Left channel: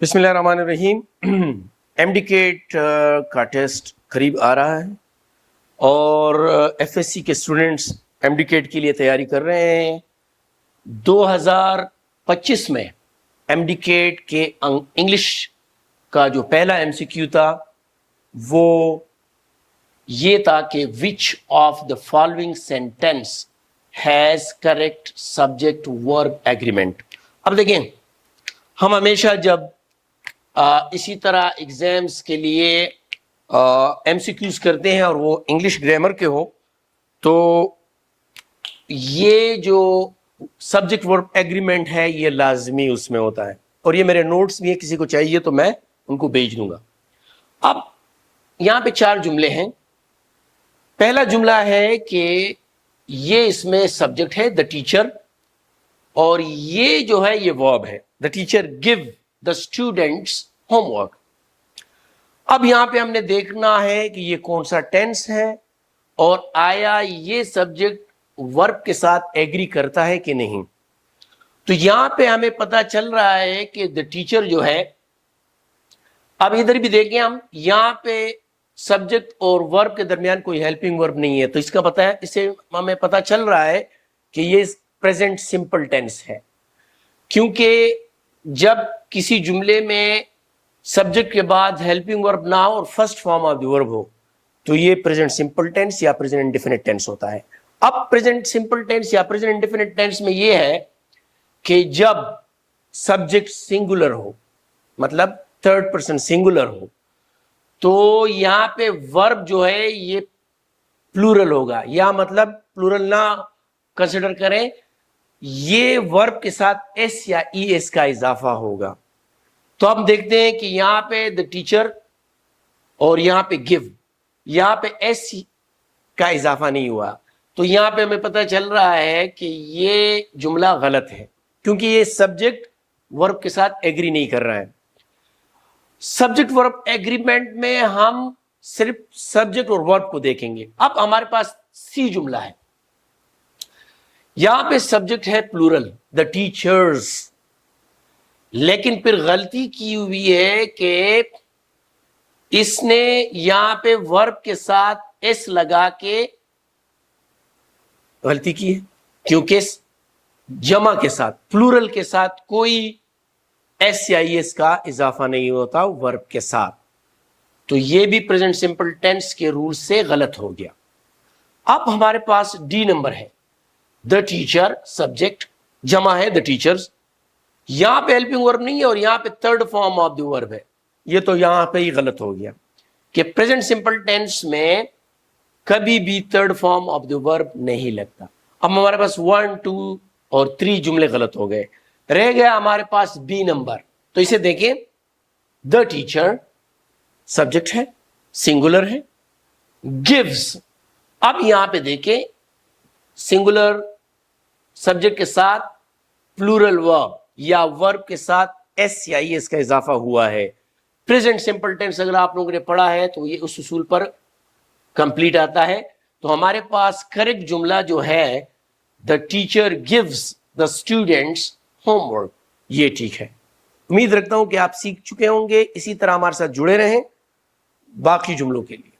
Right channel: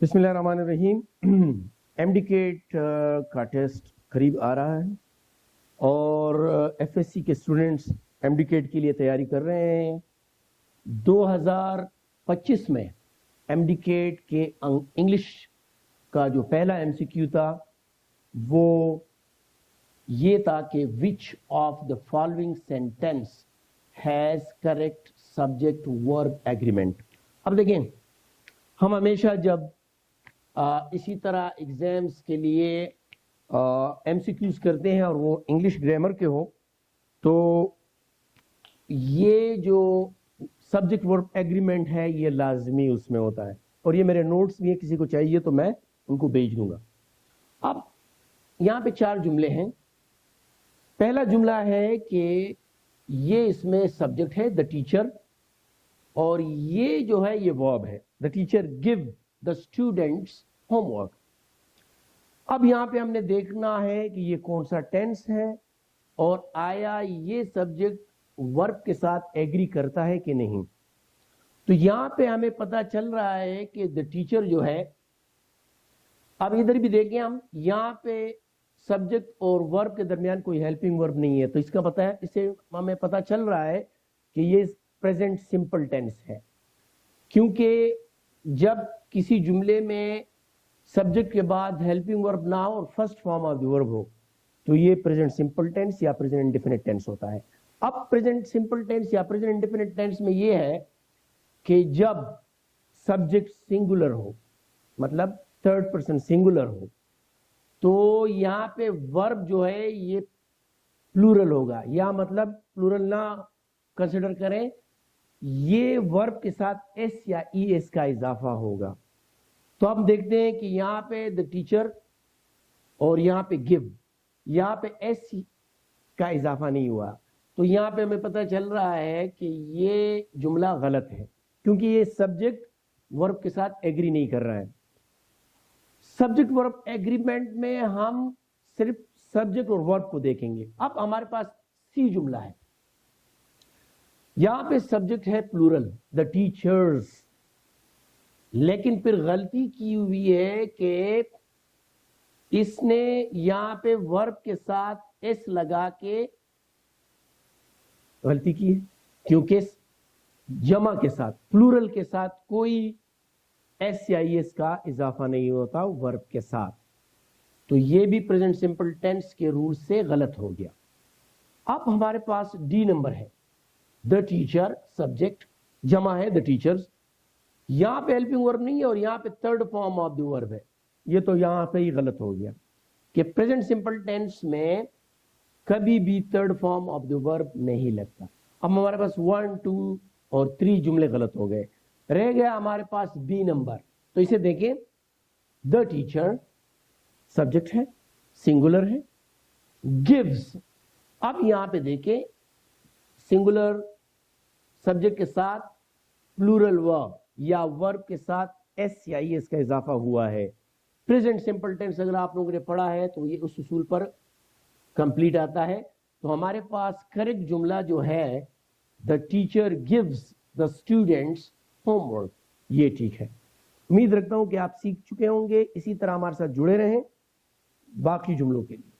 بسم اللہ الرحمن الرحیم۔ MD-CAT کا ٹیسٹ قریب آ رہا ہے اور FSC کے اسٹوڈنٹس MD-CAT کے لیے تیاری کر رہے ہیں۔ 2025 میں MD-CAT کے انگلش کا جو پہلا MCQ تھا وہ یہ تھا کہ which of the following sentence has correct subject verb agreement۔ اب دیکھیں، ہم ہمیشہ جب اسی طرح ایگزامز کے لیے MCQs کرتے ہیں اور وہ انگلش گرامر کے ہو تو یہ جو سبجیکٹ ورب ایگریمنٹ ہے یہ لازمی اس میں ہوتا ہے، اور یہ میرے نوٹس بھی ہیں، کسی کو چاہیے تو میں ان کو بھیج دوں گا۔ اب یہاں پہ 4 جملے ہیں۔ پہلا جملہ ہے کہ یہ اس میں سبجیکٹ ہے the teacher، اور یہ جو ہے یہ verb ہے the teacher give the students homework۔ اب یہاں پہ ہم نے دیکھنا ہے کہ یہ کون سا ٹینس ہے اور آیا یہ سبجیکٹ ورب کے ساتھ ایگری کرتا ہے کہ نہیں۔ تو یہاں پہ ہمیں پتا چل رہا ہے کہ the teacher جو ہے، اب ادھر بھی دیکھیں ہم، یہاں پہ سبجیکٹ اور ورب کے درمیان کوئی ہیلپنگ ورب نہیں ہے، تو اس کا پتہ ہے، اس سے ہمیں پتا چل رہا ہے کہ یہ پریزنٹ سمپل ٹینس ہے، کیونکہ جب کسی جملے میں سبجیکٹ کے بعد ہیلپنگ ورب نہ ہو اور فرسٹ فارم آف دی ورب ہو تو یہ پریزنٹ سمپل ٹینس یا پریزنٹ انڈیفینٹ ٹینس ہوتا ہے۔ اب پریزنٹ سمپل ٹینس یا پریزنٹ انڈیفینٹ ٹینس میں یہ ہے کہ جب سبجیکٹ سنگولر ہو، مطلب تھرڈ پرسن سنگولر ہو، تو یہاں پہ ورب جو ہے یہ پلورل ہوگا، یا مطلب پلورل نہ کنسیڈر کریں، یہ ورب کے ساتھ ایس یا ای ایس کا اضافہ ہوگا۔ تو ہم دیکھتے ہیں کہ یہاں پہ the teacher اور یہاں پہ give، یہاں پہ ایس کا اضافہ نہیں ہوا، تو یہاں پہ ہمیں پتہ چل رہا ہے کہ یہ جملہ غلط ہے، کیونکہ یہ سبجیکٹ ورب کے ساتھ ایگری نہیں کر رہا ہے۔ سبجیکٹ ورب ایگریمنٹ میں ہم صرف سبجیکٹ اور ورب کو دیکھیں گے۔ اب ہمارے پاس سی جملہ ہے، یہاں پہ سبجیکٹ ہے پلورل the teachers، لیکن پھر غلطی کی ہوئی ہے کہ اس نے یہاں پہ ورب کے ساتھ ایس لگا کے غلطی کی ہے، کیونکہ جمع کے ساتھ پلورل کے ساتھ کوئی ایس یا ای ایس کا اضافہ نہیں ہوتا ورب کے ساتھ، تو یہ بھی پریزنٹ سمپل ٹینس کے رول سے غلط ہو گیا۔ اب ہمارے پاس ڈی نمبر ہے the teacher، سبجیکٹ جمع ہے the teachers، یہاں پہ ہیلپنگ ورب نہیں ہے اور یہاں پہ تھرڈ فارم آف دی ورب ہے، یہ تو یہاں پہ ہی غلط ہو گیا کہ پریزنٹ سمپل ٹینس میں کبھی بھی تھرڈ فارم آف دی ورب نہیں لگتا۔ اب ہمارے پاس 1 2 اور 3 جملے غلط ہو گئے، رہ گیا ہمارے پاس بی نمبر۔ تو اسے دیکھیں، the teacher سبجیکٹ ہے، سنگولر ہے، gives، اب یہاں پہ دیکھیں سنگولر سبجیکٹ کے ساتھ پلورل ورب یا ورب کے ساتھ ایس یا ای ایس کا اضافہ ہوا ہے۔ پریزنٹ سمپل ٹینس اگر آپ لوگوں نے پڑھا ہے تو یہ اس اصول پر کمپلیٹ آتا ہے۔ تو ہمارے پاس کریکٹ جملہ جو ہے the teacher gives the students homework، یہ ٹھیک ہے۔ امید رکھتا ہوں کہ آپ سیکھ چکے ہوں گے، اسی طرح ہمارے ساتھ جڑے رہیں باقی جملوں کے لیے۔